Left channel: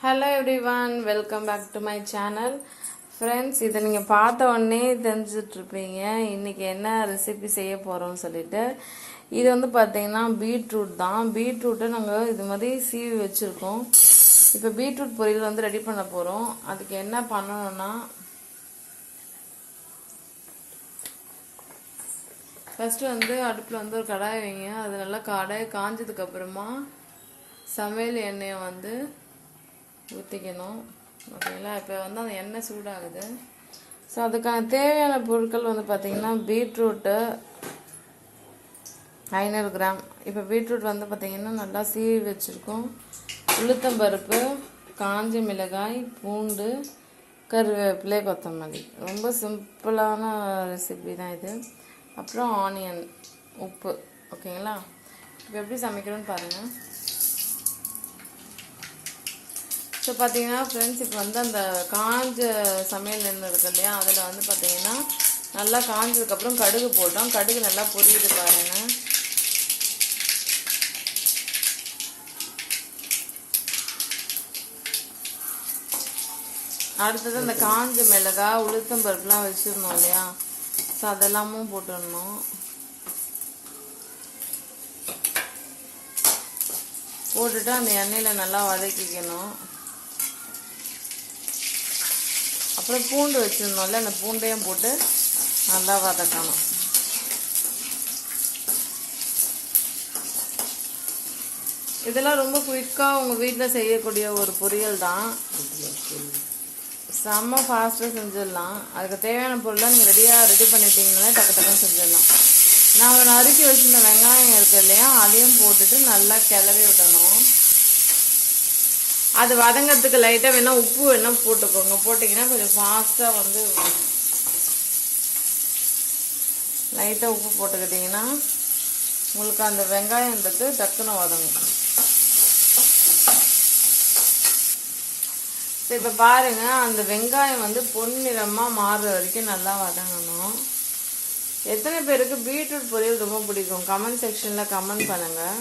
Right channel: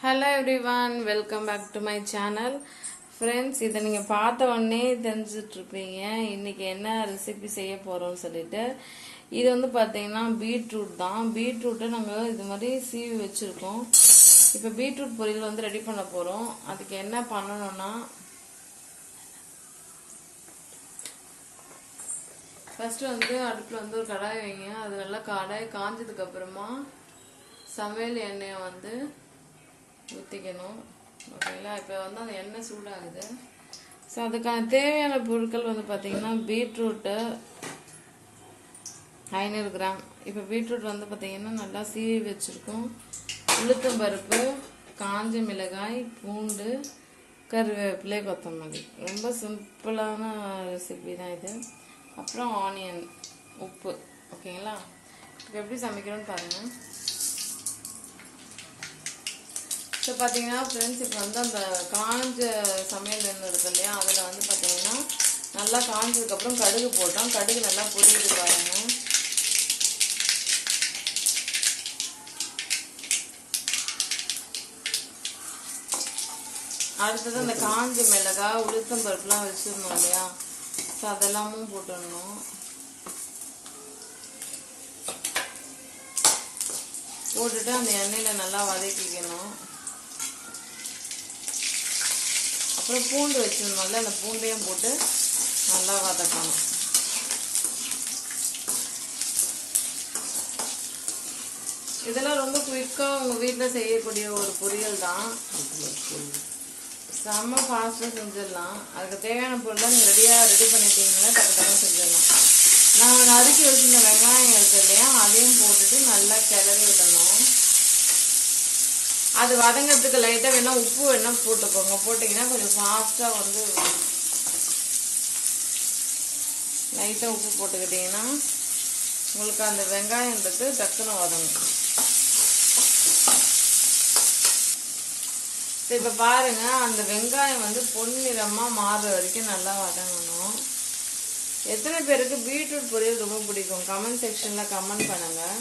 Hello everyone, welcome back to my channel. Friends, இதை நீங்க பார்த்த உடனே தெரிஞ்சிட்டு இருப்பீங்க இன்னைக்கு என்ன ரெசிபி செய்ய போறோம்னு சொல்லிட்டு. இது வந்து பாத்தீங்கன்னா பீட்ரூட் தான். பீட்ரூட்டை நாங்க இது மாதிரி சீவி வச்சிருக்கோம். இப்போ பீட்ரூட் பொரியல் வந்து ரெடி பண்ண போறோம். அதுக்கு என்ன பண்ணணும்னா ஃபர்ஸ்ட் வந்து அடுப்புல வந்து ஒரு கடாய் வைங்க. அது நல்லா கடாய் காஞ்சதுக்கு அப்புறமா சமையல் எண்ணெயை வந்து ஊற்றிக்கணும். ஓகேங்களா? இப்போ வந்து அந்த எண்ணெய் சூடாகுது. ஸோ அதுக்கான தேவையான பொருட்கள் வந்து பார்த்தீங்கன்னா பீட்ரூட்டு 500 கிராம். இப்போ பீட்ரூட் வந்து பார்த்தீங்கன்னா நல்லா சீவி வச்சுருக்கோம். உளுத்தம்பருப்பு, காஞ்ச மிளகாய், பூண்டு, கருவேப்பிலை, கொத்தமல்லி. ரொம்ப சிம்பிளான ரெசிபி தான் இது. அப்புறம் ஆனியன், உப்பு. ஓகேங்களா? இப்போ எப்படி சமைக்கிறோன்னு பாருங்கள். ஸோ பார்த்தீங்கன்னா ஃப்ரெண்ட்ஸ், இப்போ வந்து அந்த காஞ்ச சமையல் எண்ணெய் இருக்கு இல்லையா, அதில் வந்து பார்த்தீங்கன்னா நல்லா காஞ்சதுக்கப்புறம் கடுகு போட்டோம். கடுகு நல்லா பொரியுது பாருங்க. அடுத்தது இந்த காஞ்ச மிளகாய், உளுத்தம்பருப்புலாம் வச்சுருந்தோம் இல்லையா, ஸோ அதெல்லாமும் போட்டுடணும். போட்டுட்டு அந்த எண்ணெயில் நல்லா வதக்கிக்கணும். அப்புறம் பூண்டு வச்சுருந்தோம்ல, அந்த பூண்டையும் போட்டு நல்லா வதக்கணும். இதெல்லாம் ரொம்ப குயிக்காக உங்கள் வீட்டில் செய்யக்கூடிய ஒரு பொரியல் தான். செம்ம ஃபாஸ்ட்டாக செஞ்சிடலாம். அதுக்கு தேவையான பொருளாக நீங்கள் ரெடி பண்ணிட்டீங்கன்னா டக்கு டக்குன்னு செஞ்சிடலாம். நான் நறுக்கி வச்சுருந்த வெங்காயம் இருக்கு இல்லையா, அதையும் போட்டுட்டு நல்லா கிளறி விட்டணும். அது வதங்கிறதுக்கு லைட்டாக வேணா உப்பு வேணா போட்டுக்கோங்க. போட்டிங்கன்னா கொஞ்சம் ஃபாஸ்ட்டாக வந்து லைட்டாக உப்பு போட்டுக்கிட்டிங்கன்னா உங்களுக்கு அந்த வெங்காயன்றது டக்குன்னு வதங்கும். இப்போ பாருங்க, அந்த வெங்காயம் வந்து பொன்னிறமாக மாறுற வரைக்கும் நல்லா வதங்கணும். எத்தனை பேருக்கு பீட்ரூட் பொரியல் ரொம்ப பிடிக்கும்? கமெண்ட் செக்ஷனில் கமெண்ட் பண்ணுங்கள்.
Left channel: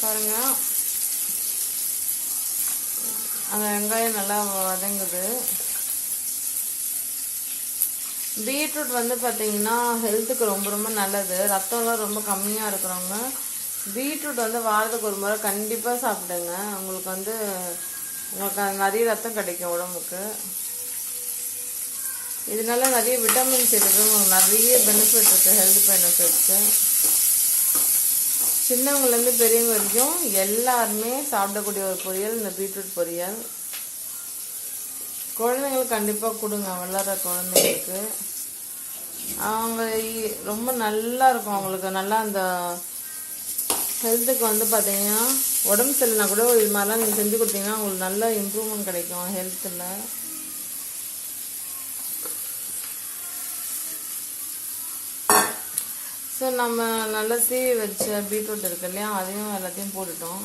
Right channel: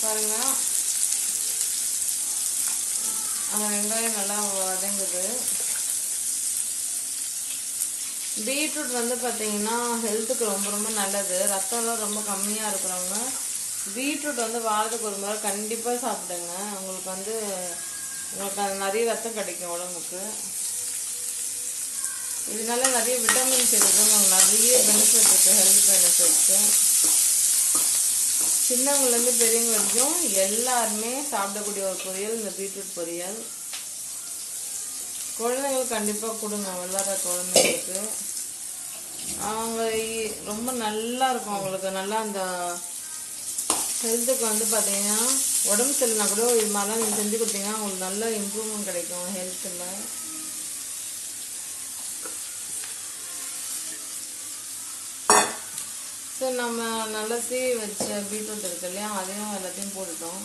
பாருங்க, அந்த வெங்காயம் நல்லா வதங்குது. பீட்ரூட் வந்து பார்த்தீங்கன்னா ஹெல்த்துக்கு ரொம்ப ரொம்ப நல்லது. ரத்தம்லாம் ரொம்ப கம்மியாக இருக்கிறவங்க பீட்ரூட் வந்து வாரத்துக்கு ஒரு முறை கண்டிப்பாக சாப்பிடுங்க. உங்களுக்கு நிறைய ரத்தம் கிடைக்கும் உடம்புக்கு. இதனால நிறைய விட்டமின்ஸ் இருக்குது, உங்களுக்கு நிறைய பெனிஃபிட் இருக்குது, ஹெல்த் பெனிஃபிட்ஸு. சின்னவங்கலேருந்து பெரியவங்க வரைக்கும் எல்லாருமே சாப்பிடக்கூடிய ஒரு பொரியல் இந்த பீட்ரூட் பொரியல். குழந்தைங்களுக்கு கண்டிப்பாக கொடுங்க. வளர்கிற குழந்தைங்களுக்கு அவங்க ரொம்ப நல்லா இருக்கும். அவங்களுக்கு நல்லா அந்த ஹெல்த்துக்கு வந்து பார்த்தீங்கன்னா உடம்பு சரியில்லைனா கூட இது மாதிரிலாம் நீங்கள் செஞ்சு கொடுத்தீங்கன்னா உங்களுக்கு நல்ல இம்ப்ரூவ்மெண்ட் கிடைக்கும் ஹெல்த்தில். ஸோ நம்ம நல்லா சீவி வச்ச பீட்ரூட் இருக்கு இல்லையா, அதையும் எல்லாத்தையும் போட்டுட்டோம்.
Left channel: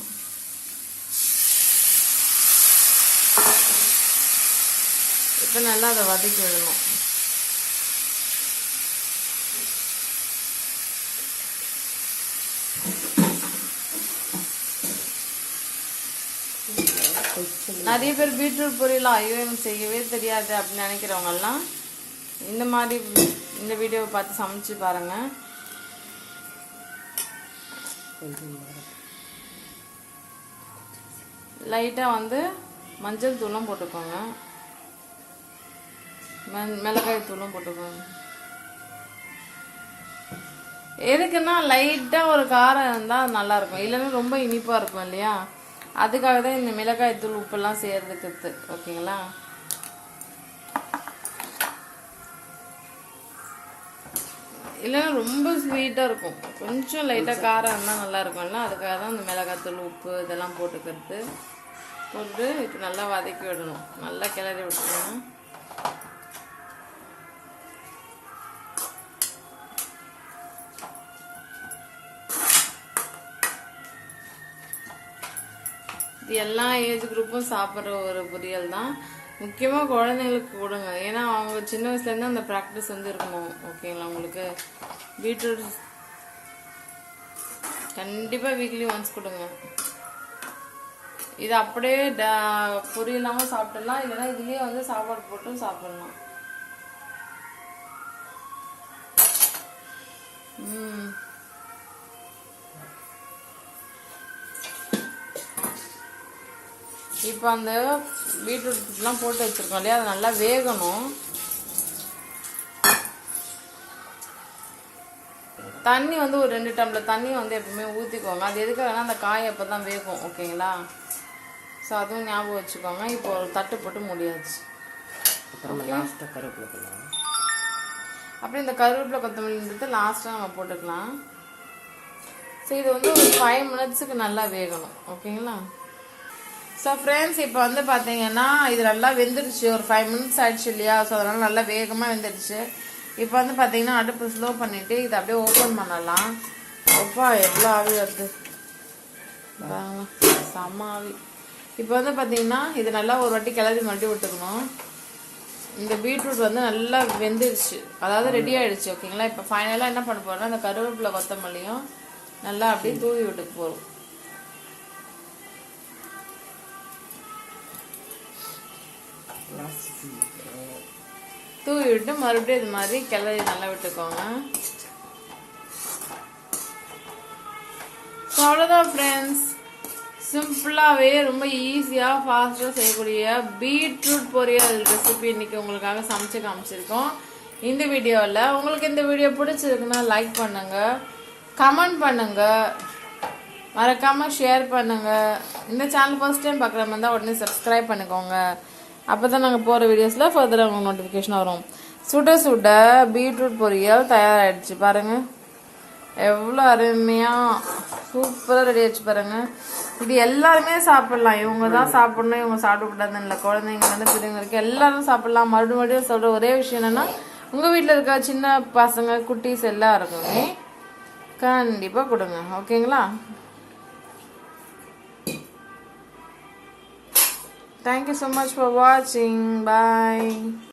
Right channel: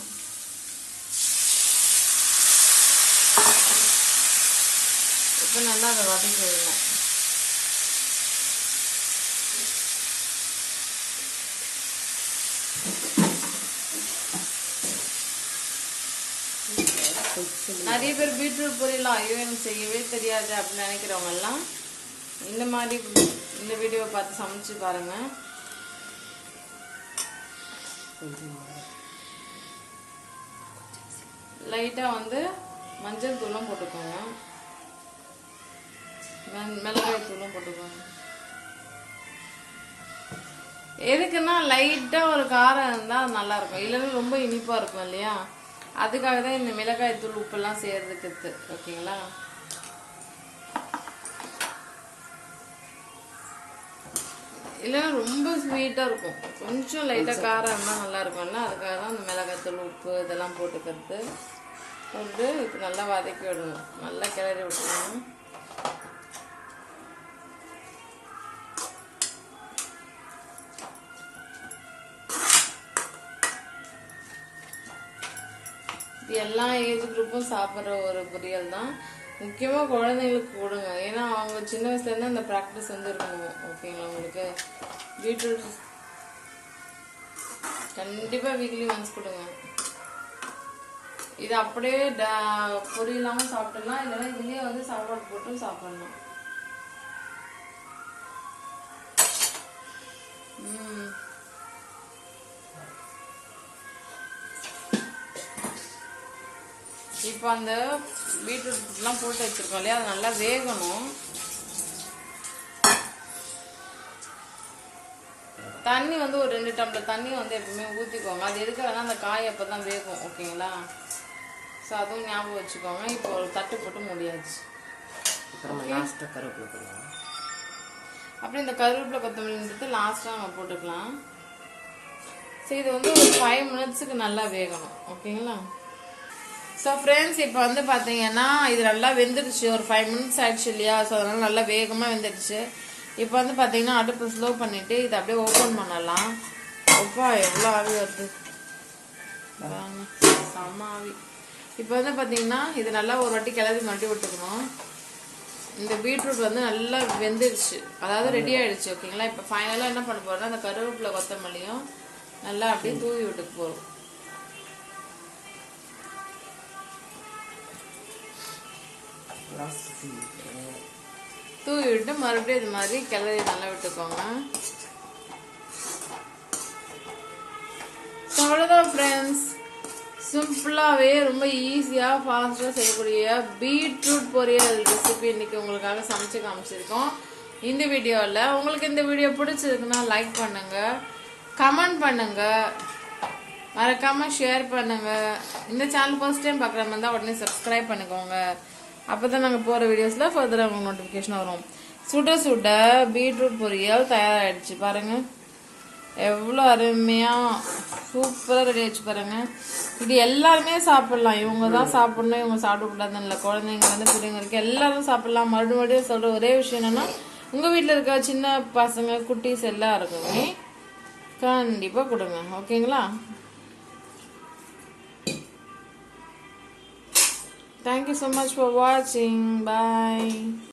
இப்போ நல்லா அதை வதக்கி விடணும். நிறைய பேர் பீட்ரூட் பொரியலாம் ஐயோ எனக்கு செய்யவே தெரியாது அப்படின்னு நினைக்கிறவங்கெல்லாம் இந்த வீடியோவை பார்த்து சமைச்சு பாருங்க. லைட்டா வந்து மஞ்சள் தூளும் போட்டுக்கோங்க, மிளகாய் தூளும் போட்டுக்கோங்க. எதுக்குன்னா லைட்டா ஒரு காரம் இருந்தா அது நல்லா இருக்கும், இல்லைன்னா ரொம்ப இனிப்பா இருக்கும் இல்லையா, அதுக்காக தான் இந்த மிளகாய் தூள் உப்பெல்லாம் சேர்றதுக்கு. ஓகேங்களா? இல்லைன்னா ரொம்ப ஸ்வீட்டாக இருக்கும். கொஞ்சம் லைட்டாக காரம் இருந்தால் நல்லா இருக்கும்ல, அதுக்காக தான் இந்த மிளகாத்தூள் உப்பு இதெல்லாம் போட்டுக்கிறது. போட்டு இப்போ நல்லா வதக்கி விடணும், நல்லா கிளறி விட்டுக்கணும். இது எல்லா ஏஜ் குரூப்பும் சாப்பிட்ற ஒரு பொரியல் தான். முக்கியமாக குழந்தைங்களுக்கு கொடுங்க, ஏன்னா அவங்க சின்ன வயசுலேருந்து அந்த ப்ராக்டிஸ் வந்து இருக்கணும். ஓகேங்களா? உங்களுக்கு பீட்ரூட் கண்டிப்பாக வீக்லி ஒன்ஸ் கொடுங்க. இது அப்படியே பொரி இல்லாமல் சாப்பிடலாம், இல்லைன்னா இதுலேயே வந்து சாப்பாடு போட்டு சாப்பிடலாம். இப்போ அந்த பீட்ரூட்லாம் போட்டு வச்சிருக்கோம் இல்லையா, அது நல்லா வேகணும். தண்ணி வந்து ஒரு 2 டம்ளர் தண்ணி வந்து எப்பவுமே ஊற்றிக்கோங்க. அது எதுக்காகனா அந்த காய் அப்போ தான் வேகும். ஓகேங்களா? ஸோ அதுவும் ஞாபகம் வச்சுக்கோங்க. இப்போ ஒரு தட்டு போட்டு முடியாச்சு. அப்புறம் இந்த கருவேப்பிலை கொத்தமல்லின்றது லாஸ்ட்டாக நம்ம போட்டுக்கலாம். ஸோ இது வந்து ஒரு 5 மினிட்ஸுக்கு நல்லா வேகணும். ஓகேங்களா? ஸோ ஃப்ரெண்ட்ஸ், இப்போ வந்து பார்த்தீங்கன்னா இது நல்லா வெந்துடுச்சு. ஒரு 5 மினிட்ஸ் ஆயிடுச்சு இல்லையா? ஸோ அதனால நல்லா வேகமாக வெந்துடுச்சு. இப்போ வந்து பார்த்தீங்கன்னா அடுப்பு ஸ்லோ பண்ணிவிட்டு இதை அப்படியே ஓப்பன் பண்ணலாம். ஒப்பா எவ்வளோ ஆவி வருது, செம்ம ஆவி. இப்போ வந்து பார்த்தீங்கன்னா இது நல்லா ஒரு வாட்டி கிளறி மறுபடி விட்டுக்கணும். இந்த பீட்ரூட் வந்து நல்லா வெந்துடுச்சு, அதாவது ரெடி ஆயிடுச்சு. ஓகேங்களா? இப்போ ஃபைனலாக என்ன பண்ண போறோம்னா இந்த கருவேப்பிலை கொத்தமல்லியும் நல்லா அப்படியே தூவி விட்டு போகிறோம். தூவி விட்டு மறுபடியும் இது மாதிரி கிளறி நல்லா விட்டுக்கோங்க. அவ்வளோதான் ஃப்ரெண்ட்ஸ், சிம்பிளாகவே ரொம்ப ஈஸியாக ஃபாஸ்ட்டாக செய்யக்கூடிய பீட்ரூட் பொரியல் ரெசிபி இன்னைக்கு உங்களுக்காக சமைச்சு காமிச்சிருக்கோம் இந்த வீடியோவில். உங்களுக்கு இந்த வீடியோ பிடிச்சிருக்குன்னா லைக் பண்ணுங்க, கமெண்ட் பண்ணுங்க, மறக்காம ஷேர் பண்ணுங்க. இந்த சேனல் ஃபர்ஸ்ட் டைம் பார்க்குற மாதிரி தான் உடனே சப்ஸ்கிரைப் பண்ணிக்கோங்க. அப்போதான் நாங்கள் போகிற வீடியோஸில் ஃபர்தராக உங்களுக்கு நோட்டிஃபிகேஷன் வரும். சுட சுட பீட்ரூட் பொரியல் தயாராகிடுச்சு பாருங்க, எவ்வளோ அருமையாக சூப்பராக ரெடி ஆயிடுச்சு பாருங்க. இது எல்லாருமே சாப்பிடலாம். இவங்க தான் சாப்பிடணும், இவங்க சாப்பிடக்கூடாதுன்னு இல்லை. குழந்தைங்கலேருந்து பெரியவங்க வரைக்கும் எல்லாரும் சாப்பிடலாம். மறுபடியும் சொல்கிற ஒரே விஷயம் என்னன்னா, உங்கள் வீட்டில் இருக்க சின்ன பசங்க குட்டீஸ் எல்லாருக்குமே கண்டிப்பாக கொடுங்க. ஓகேங்களா? Thank you so much for watching. Bye.